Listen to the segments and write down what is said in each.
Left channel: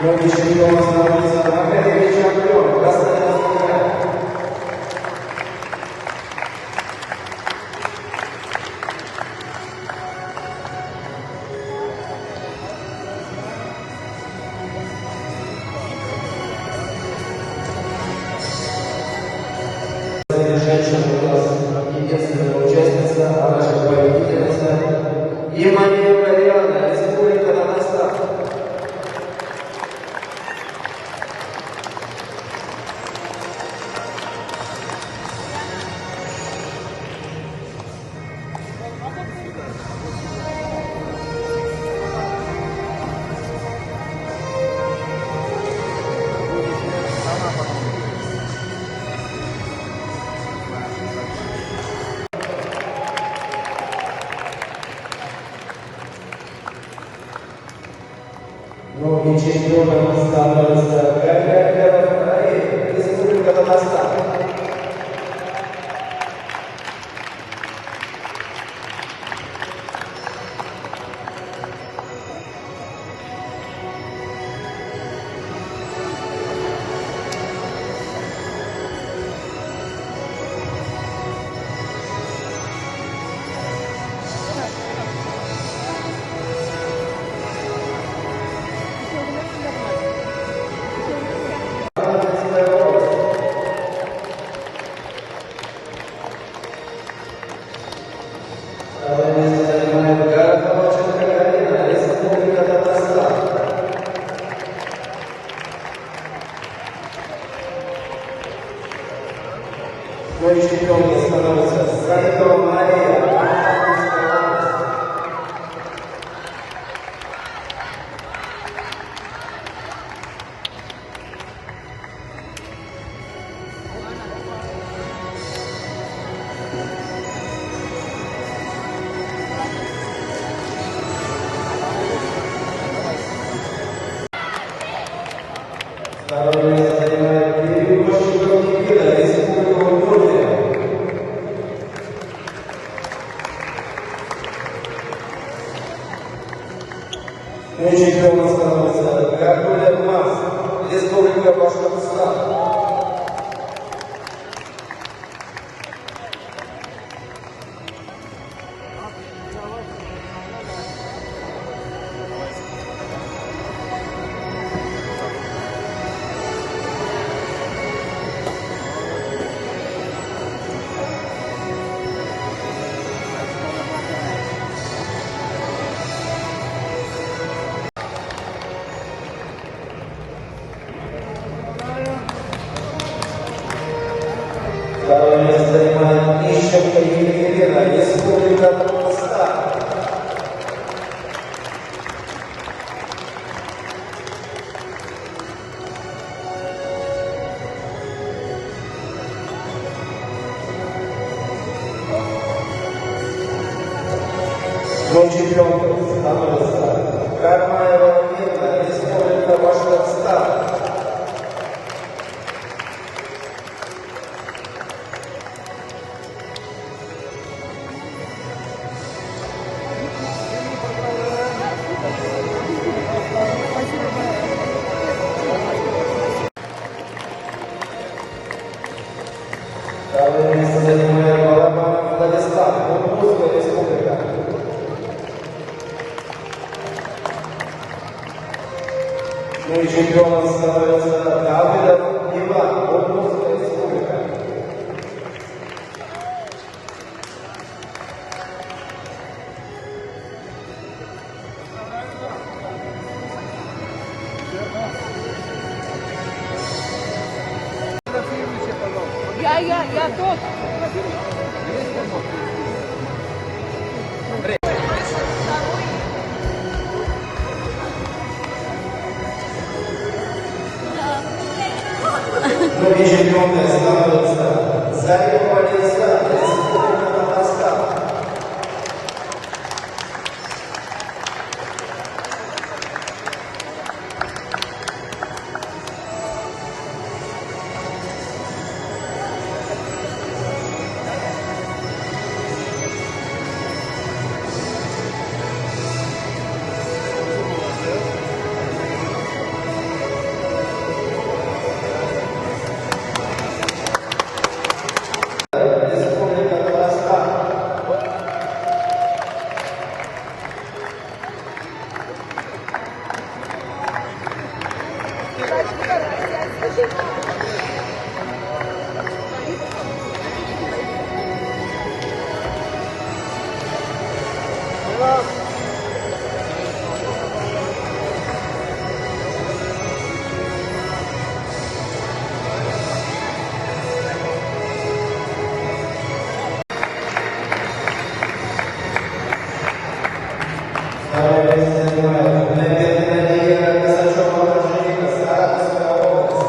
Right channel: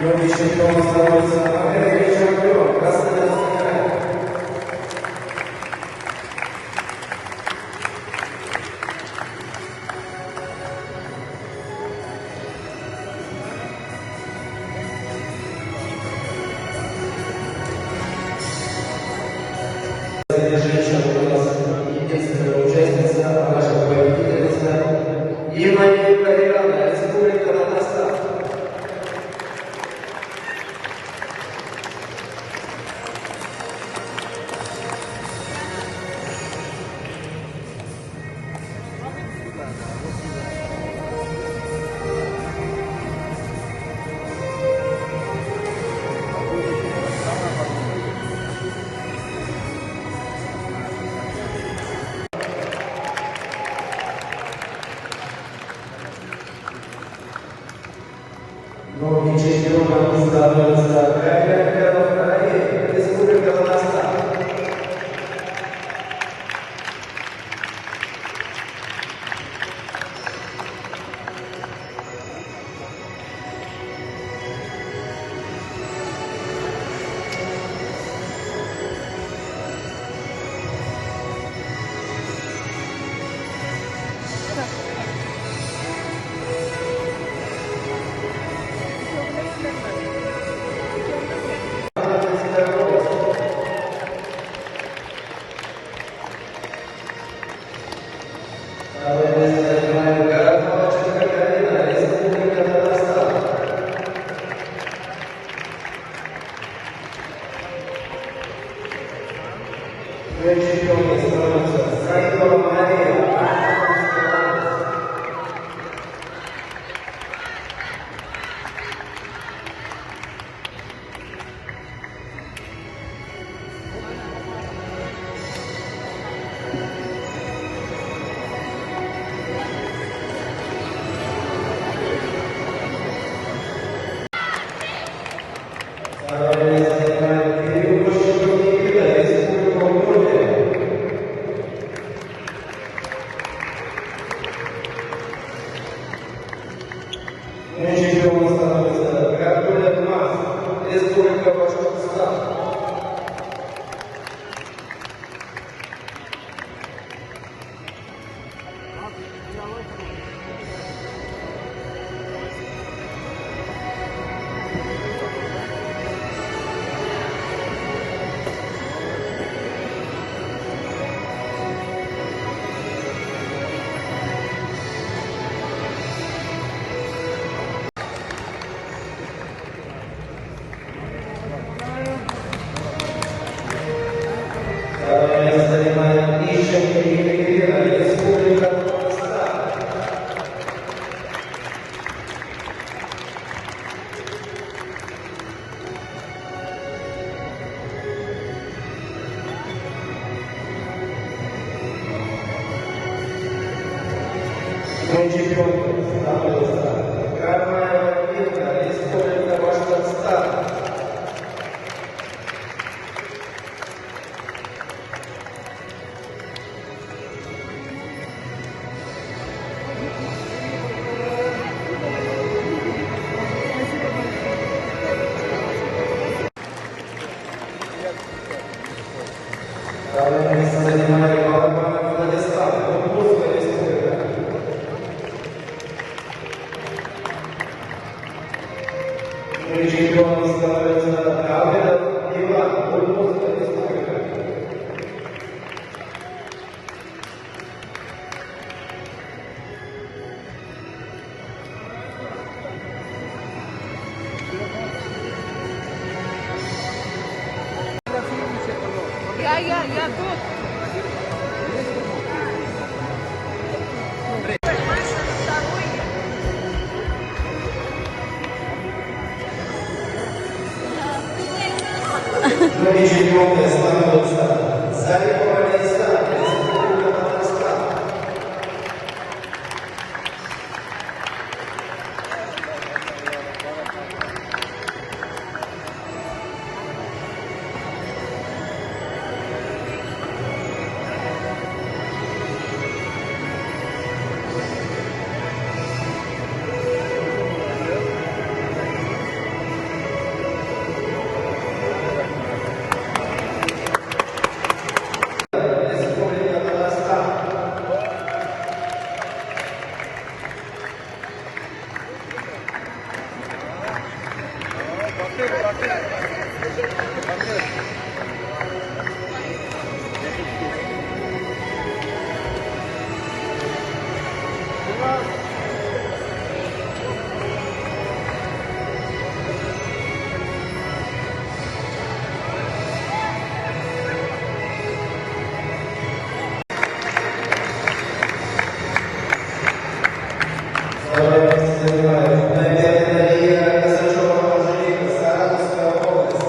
Новый чемпион становится новый чемпион. Красноярский край. Ближайшая у нас единственная участница, а наша победительница Иманова Марьяна, Республика Татарстан. Новый чемпион становится Республика Татарстан. Новый чемпион становится Саидова Мария. Новый чемпион становится Гаргулев Макс, Республика Башкортостан. Noi чемпионы Афганистана. Карма Ивановна, Республика Башкортостан. Второе место занимает Владислав, Курбурская республика. Ну и чемпионом становится Давыдов Иван, Курбурская республика. Я тут. Другие чемпионы становятся Зарипов Александр, Республика Татарстан. Второе место занимает Надежда Косачева, Анжелика, Саратовская область.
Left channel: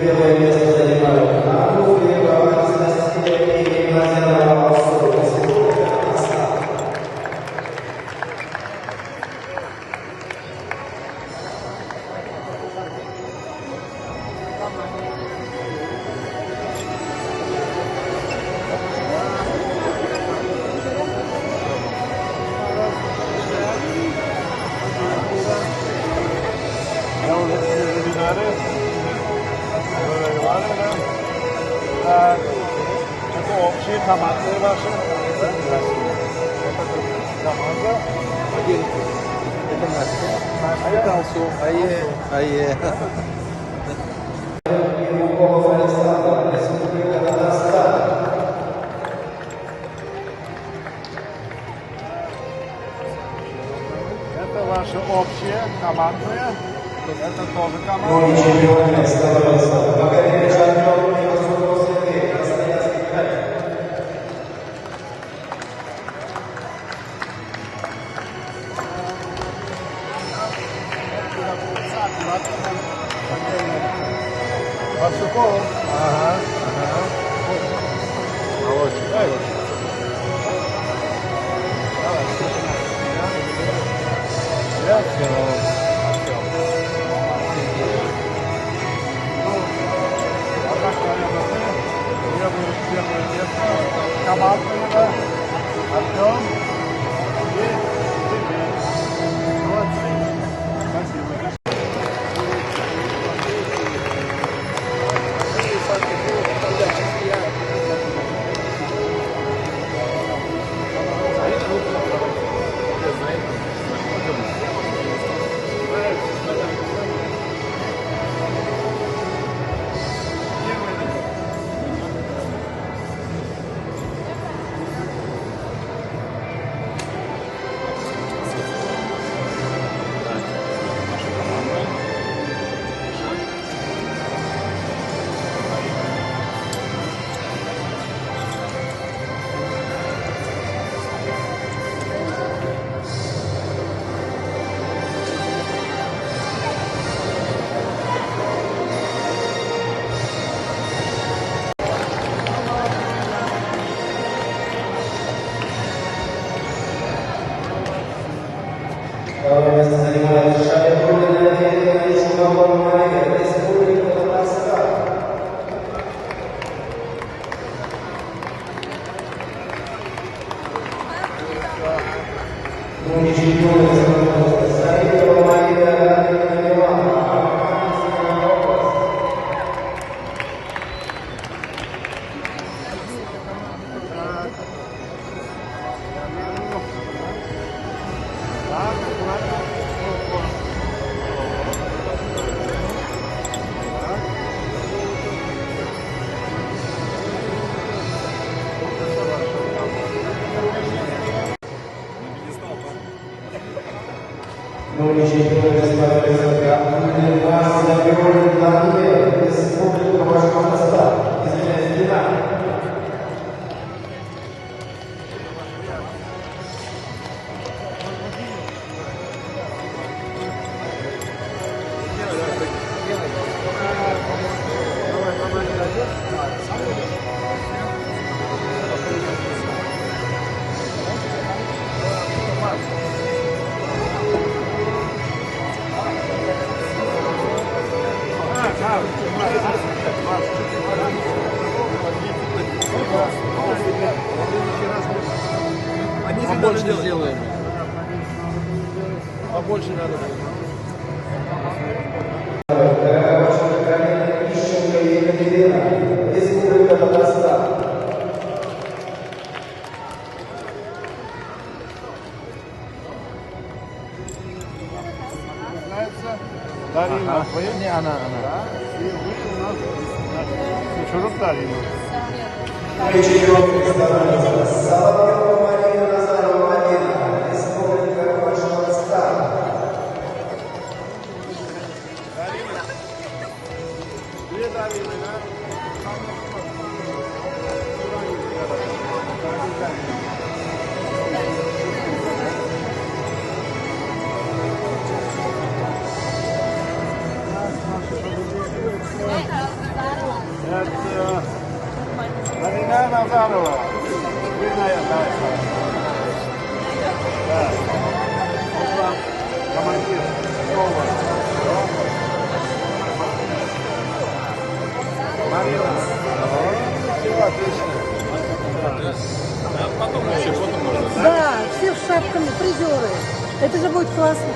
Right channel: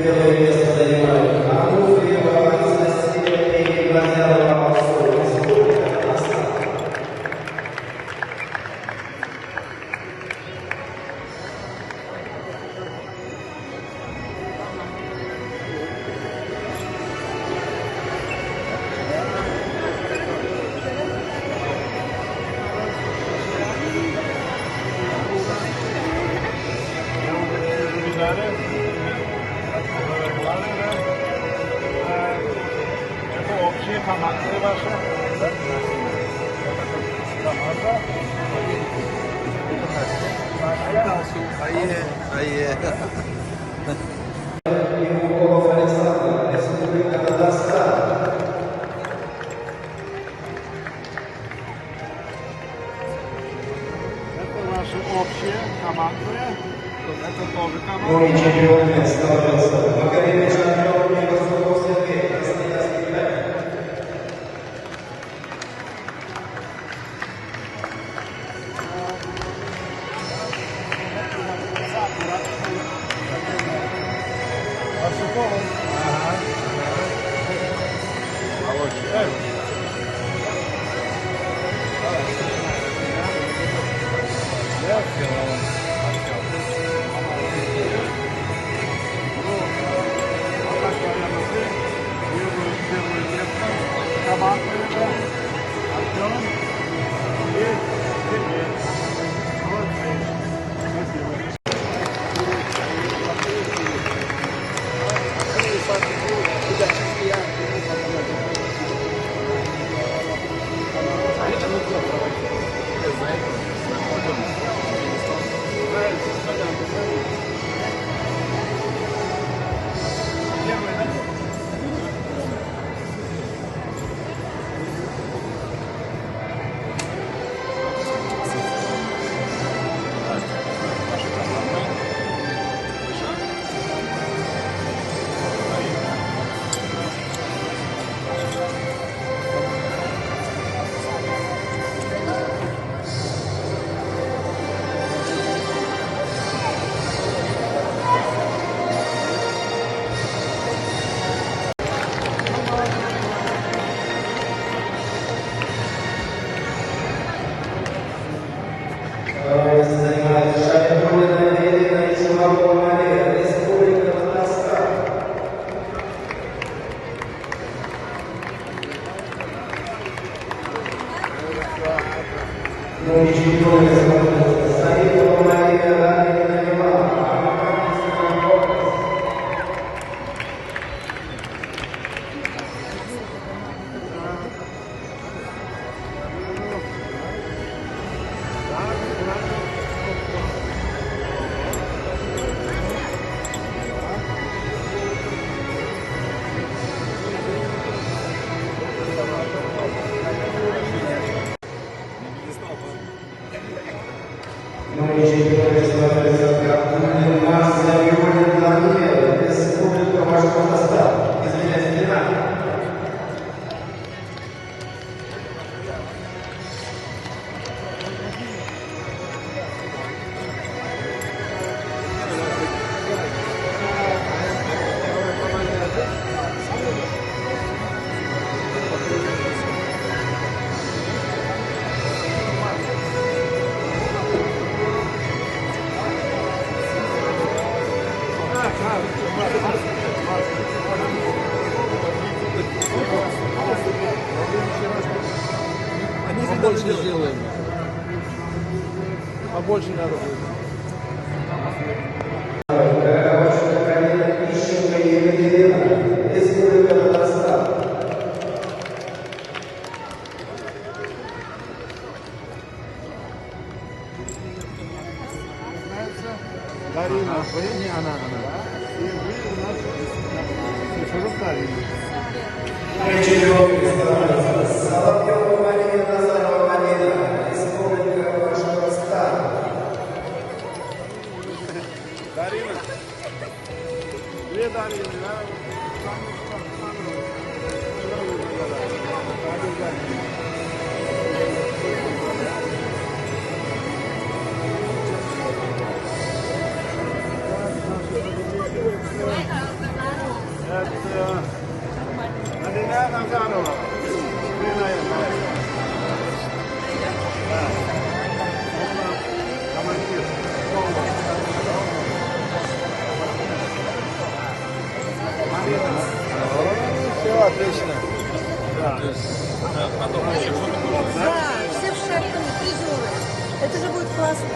Первое место занимает Ахмудова, Анастасия и Владимира Малцова, Республика Татарстан. Курбуров Александр, Республика Татарстан. Это ваши общие командные. Это тоже команда. Новыми чемпионами становятся Бакаревича, Мирослав Сергей, Красноярский край. Командные, Артем и Сергей. Молодцы. Спасибо. побольше сделаем. Побольше надо. Республика Татарстан. Дарина, вы? Не, она. И вы у нас чужок Дарина. Две Дарины, да? Марина Нафанова. Да, все с шапками, призеры. Это же будет классно.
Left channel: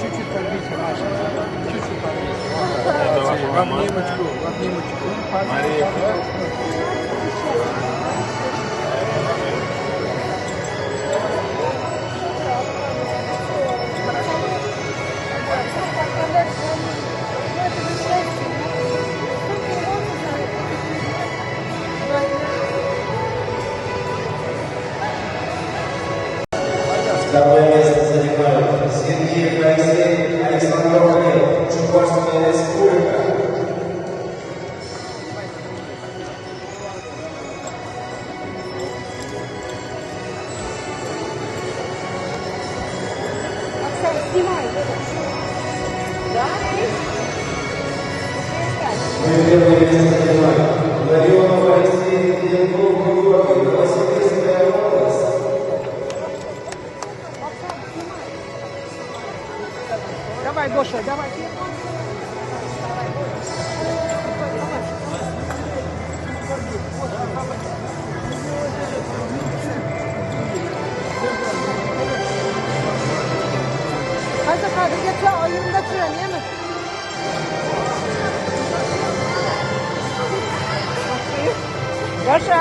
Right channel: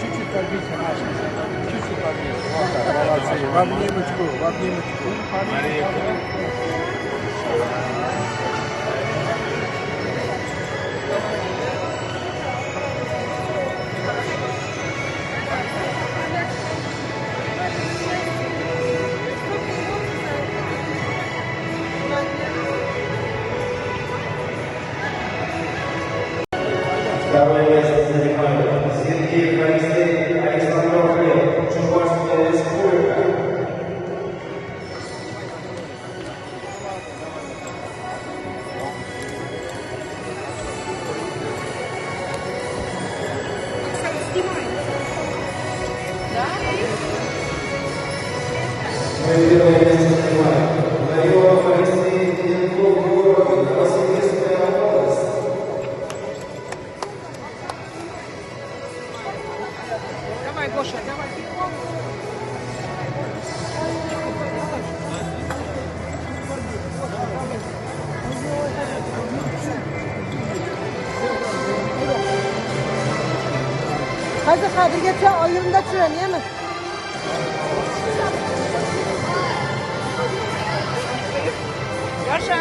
Чуть-чуть подбейте, Маша. Чуть-чуть подбейте. Вот так. Молодцы. В обнимочку, в обнимочку. Мария. Второе место занимает Сергей Моисеев, Александр Валерьев, Чувашская республика. Первое место занимает Валерьев Моисеев, Генков, Георгий, Новосибирская область. Давай, Гоша, давай. Hadi hadi getir oyunda tren değil mi? Yaşa.